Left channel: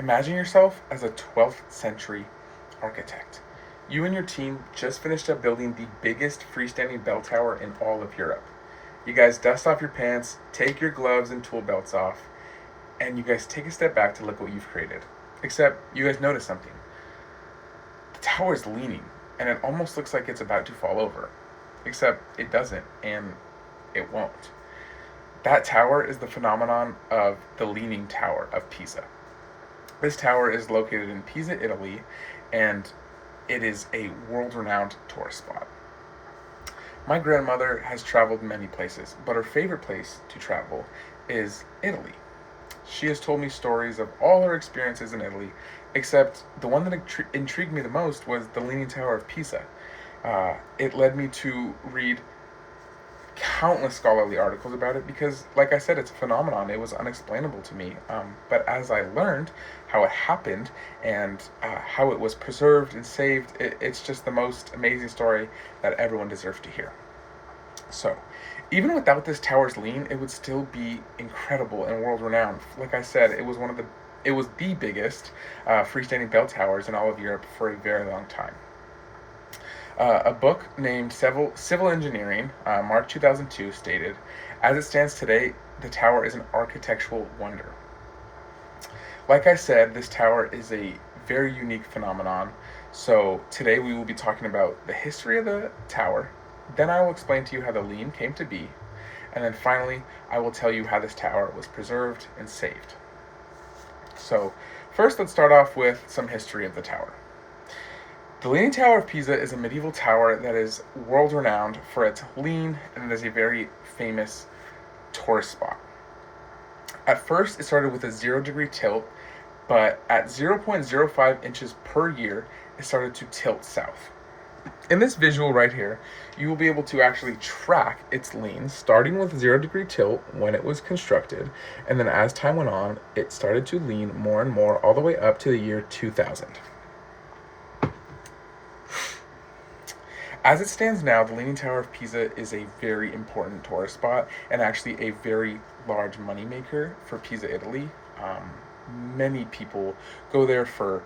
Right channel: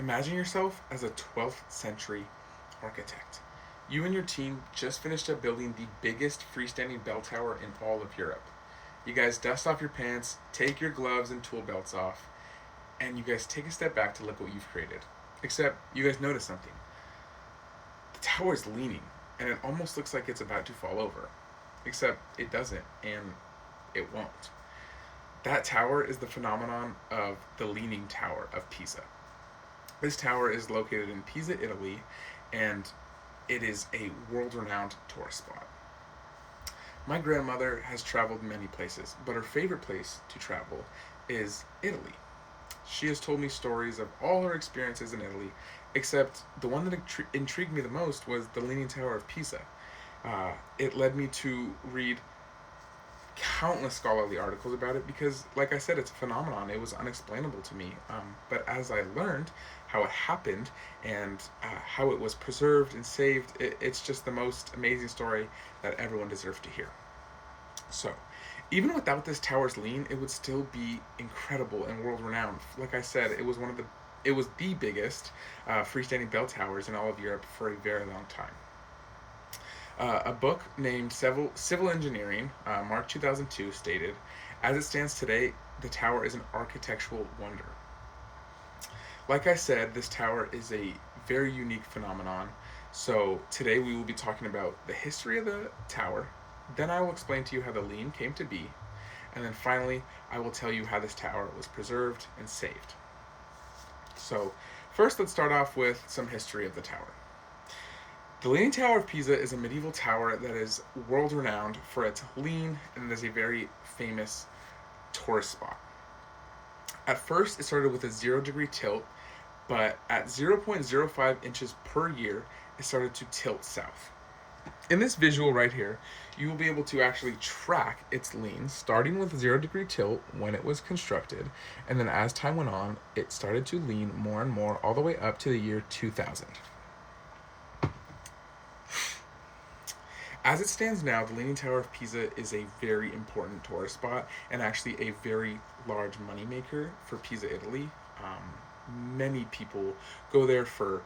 Imagine yourself as a 12th century architect. You and your team just finished up building the biggest freestanding bell tower in all of Europe. You guys dust off your pants, take your gloves and tool belts off, and you guys take a step back to look what you've created. Except you guys notice something. The tower is leaning, and it almost looks like it's about to fall over. Except it doesn't, and it won't. That tower is the phenomenon of the Leaning Tower of Pisa. This tower is located in Pisa, Italy, and it is a world-renowned tourist spot. My grandmother has traveled many places, but her favorite place to travel is Italy. She has told me stories of all her experiences in Italy, except the one that intrigued me the most was the Leaning Tower of Pisa. It led me to read countless scholarly articles about it because, like I said, it's a phenomenon. It was unexplainable to me. But as I learned how it happened and how it was preserved and saved, it's just the most amazing story that everyone deserves to hear. So, even without this tower's lean, it would still be incredible and world-renowned. Like I said, it was the biggest freestanding bell towers in all of Europe for a very long time. A book named Civil Engineering, March 2002, stated, "As it stands today, the tower is an architectural wonder." Like I said, this tower is a very unique phenomenon. So today we will be talking about the history of the tower. Then I will explain to you how the lean came to be. And then finally, I will tell you how this tower was preserved and saved. So first, let's start off with some history of the tower. The Leaning Tower of Pisa is a medieval tower that is world-renowned for its lean, and it is a very famous tourist spot. At first, it started with a 0-degree tilt, but at 0.05 inches per year, it started to tilt south. In this visual right here, you will be able to actually track its lean, starting with 0-degree tilt when it was constructed, and then as time went on, it started to lean more and more all the way up to the year 2000. As it stands now, the Leaning Tower of Pisa is a very important tourist spot and actually a very large moneymaker for Pisa, Italy. Many people go there for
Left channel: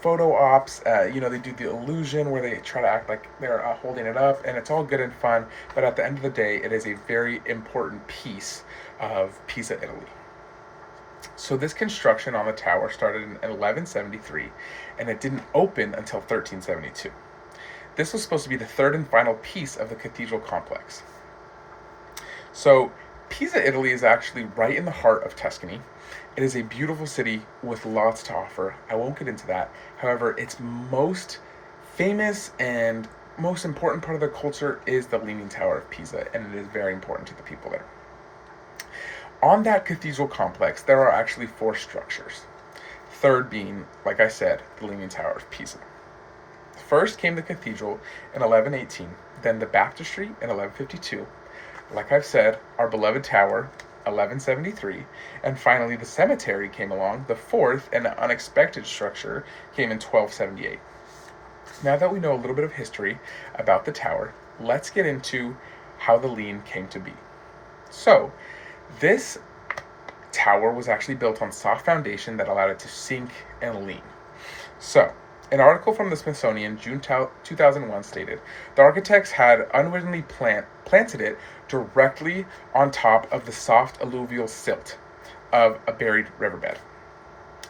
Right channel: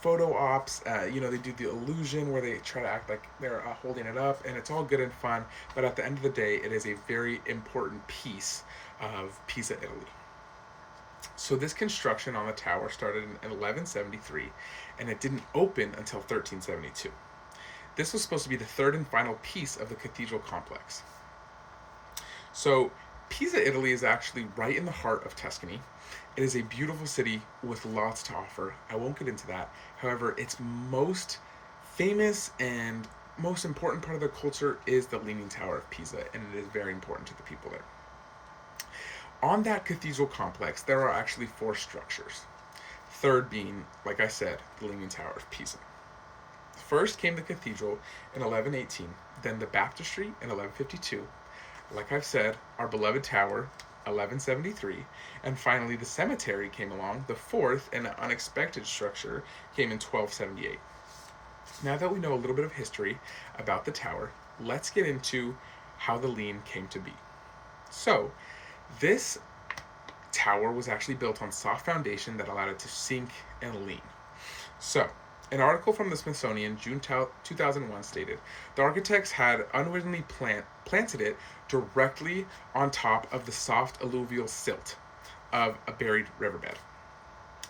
photo ops. They do the illusion where they try to act like they're holding it up, and it's all good and fun. But at the end of the day, it is a very important piece of Pisa, Italy. So this construction on the tower started in 1173, and it didn't open until 1372. This was supposed to be the third and final piece of the cathedral complex. So Pisa, Italy is actually right in the heart of Tuscany. It is a beautiful city with lots to offer. I won't get into that. However, its most famous and most important part of the culture is the Leaning Tower of Pisa, and it is very important to the people there. On that cathedral complex, there are actually 4 structures. Third being, like I said, the Leaning Tower of Pisa. First came the cathedral in 1118, then the baptistry in 1152, like I've said, our beloved tower, 1173, and finally the cemetery came along. The fourth and unexpected structure came in 1278. Now that we know a little bit of history about the tower, let's get into how the lean came to be. So, this tower was actually built on soft foundation that allowed it to sink and lean. So, an article from the Smithsonian, June 2001, stated, the architects had unwittingly planted it directly on top of the soft alluvial silt of a buried riverbed.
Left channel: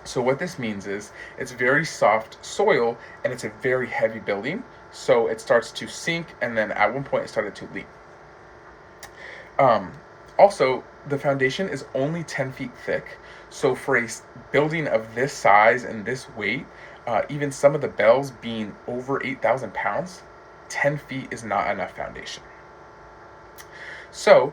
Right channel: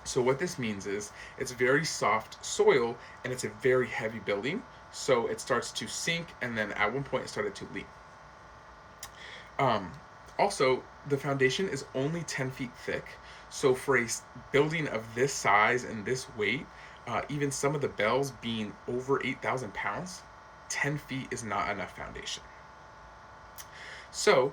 So what this means is it's very soft soil and it's a very heavy building, so it starts to sink, and then at one point it started to leak. Also, the foundation is only 10 feet thick, so for a building of this size and this weight, even some of the bells being over 8,000 pounds, 10 feet is not enough foundation. So,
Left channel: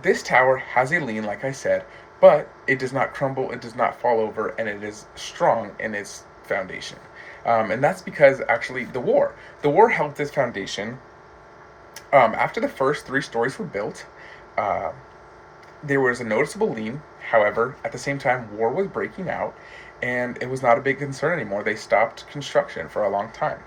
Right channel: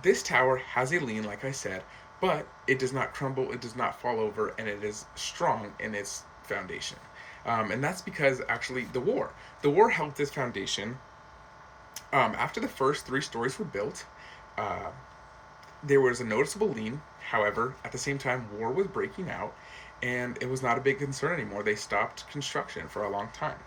this tower has a lean, like I said, but it does not crumble, it does not fall over, and it is strong in its foundation. And that's because, actually, the war helped this foundation. After the first 3 stories were built, there was a noticeable lean. However, at the same time, war was breaking out, and it was not a big concern anymore. They stopped construction for a long time.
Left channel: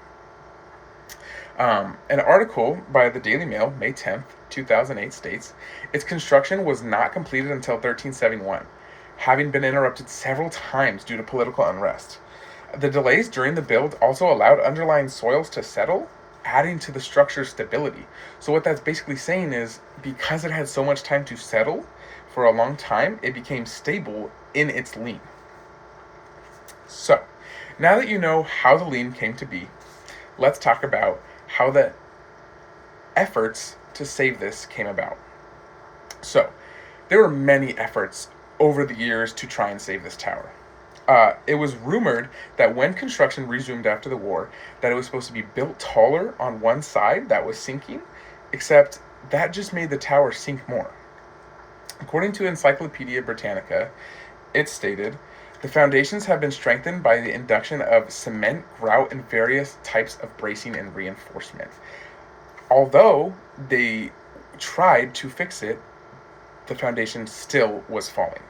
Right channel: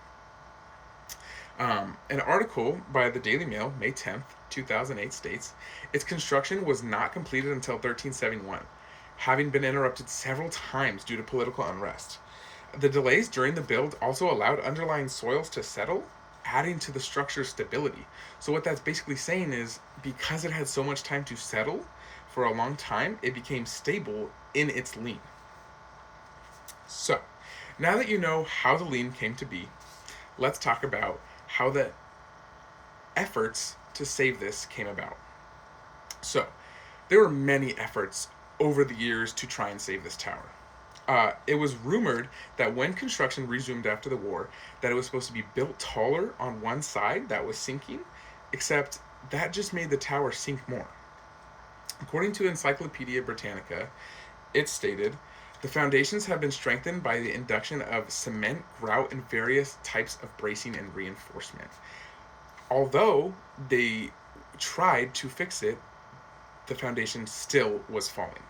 An article by the Daily Mail, May 10th, 2008, states, its construction was not completed until 1371. having been interrupted several times due to political unrest. The delays during the build also allowed underlying soils to settle, adding to the structure's stability. So what that's basically saying is, because it had so much time to settle for a long time, it became stable in its lean. So, now that you know how the lean came to be, let's talk about how the efforts to save this came about. So, there were many efforts over the years to try and save this tower. It was rumored that when construction resumed after the war, that it was supposed to be built taller on one side that was sinking, except that just made the tower sink more. According to Encyclopedia Britannica, it stated, the foundations have been strengthened by the induction of cement, grout, and various types of bracing and reinforcement. Although they tried to fix it, the foundation still was falling.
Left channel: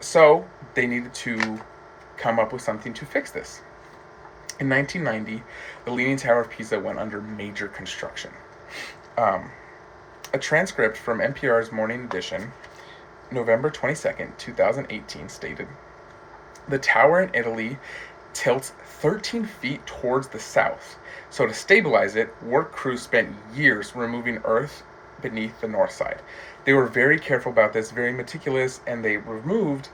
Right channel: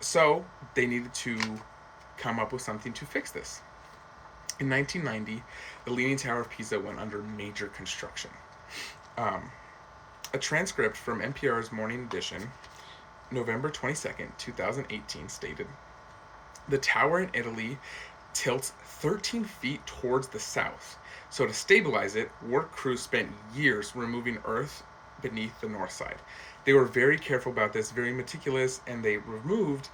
So they needed to come up with something to fix this. In 1990, the Leaning Tower of Pisa went under major construction. A transcript from NPR's Morning Edition, November 22nd, 2018, stated, the tower in Italy tilts 13 feet towards the south. So to stabilize it, work crews spent years removing earth beneath the north side. They were very careful about this, very meticulous, and they removed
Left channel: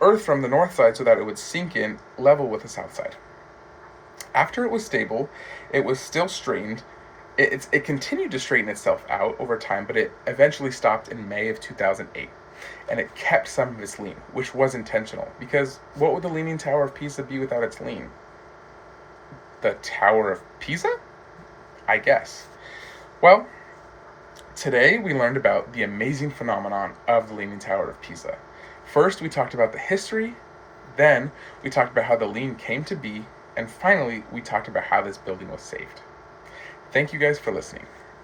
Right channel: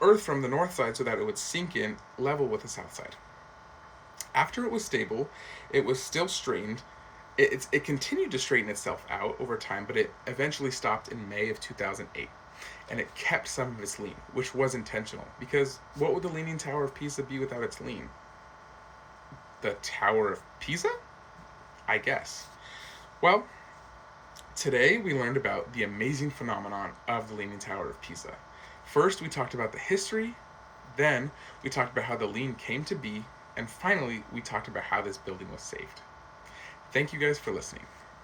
earth from the north side so that it would sink in level with the south side. After it was stable, it was still strained. It continued to straighten itself out over time, but it eventually stopped in May of 2008. And it kept some of its lean, which was intentional, because what would the Leaning Tower of Pisa be without its lean? The Tower of Pisa? I guess. Well, today we learned about the amazing phenomenon of the Leaning Tower of Pisa. First, we talked about the history, then we talked about how the lean came to be, and finally, we talked about how this building was saved. Thank you guys for listening.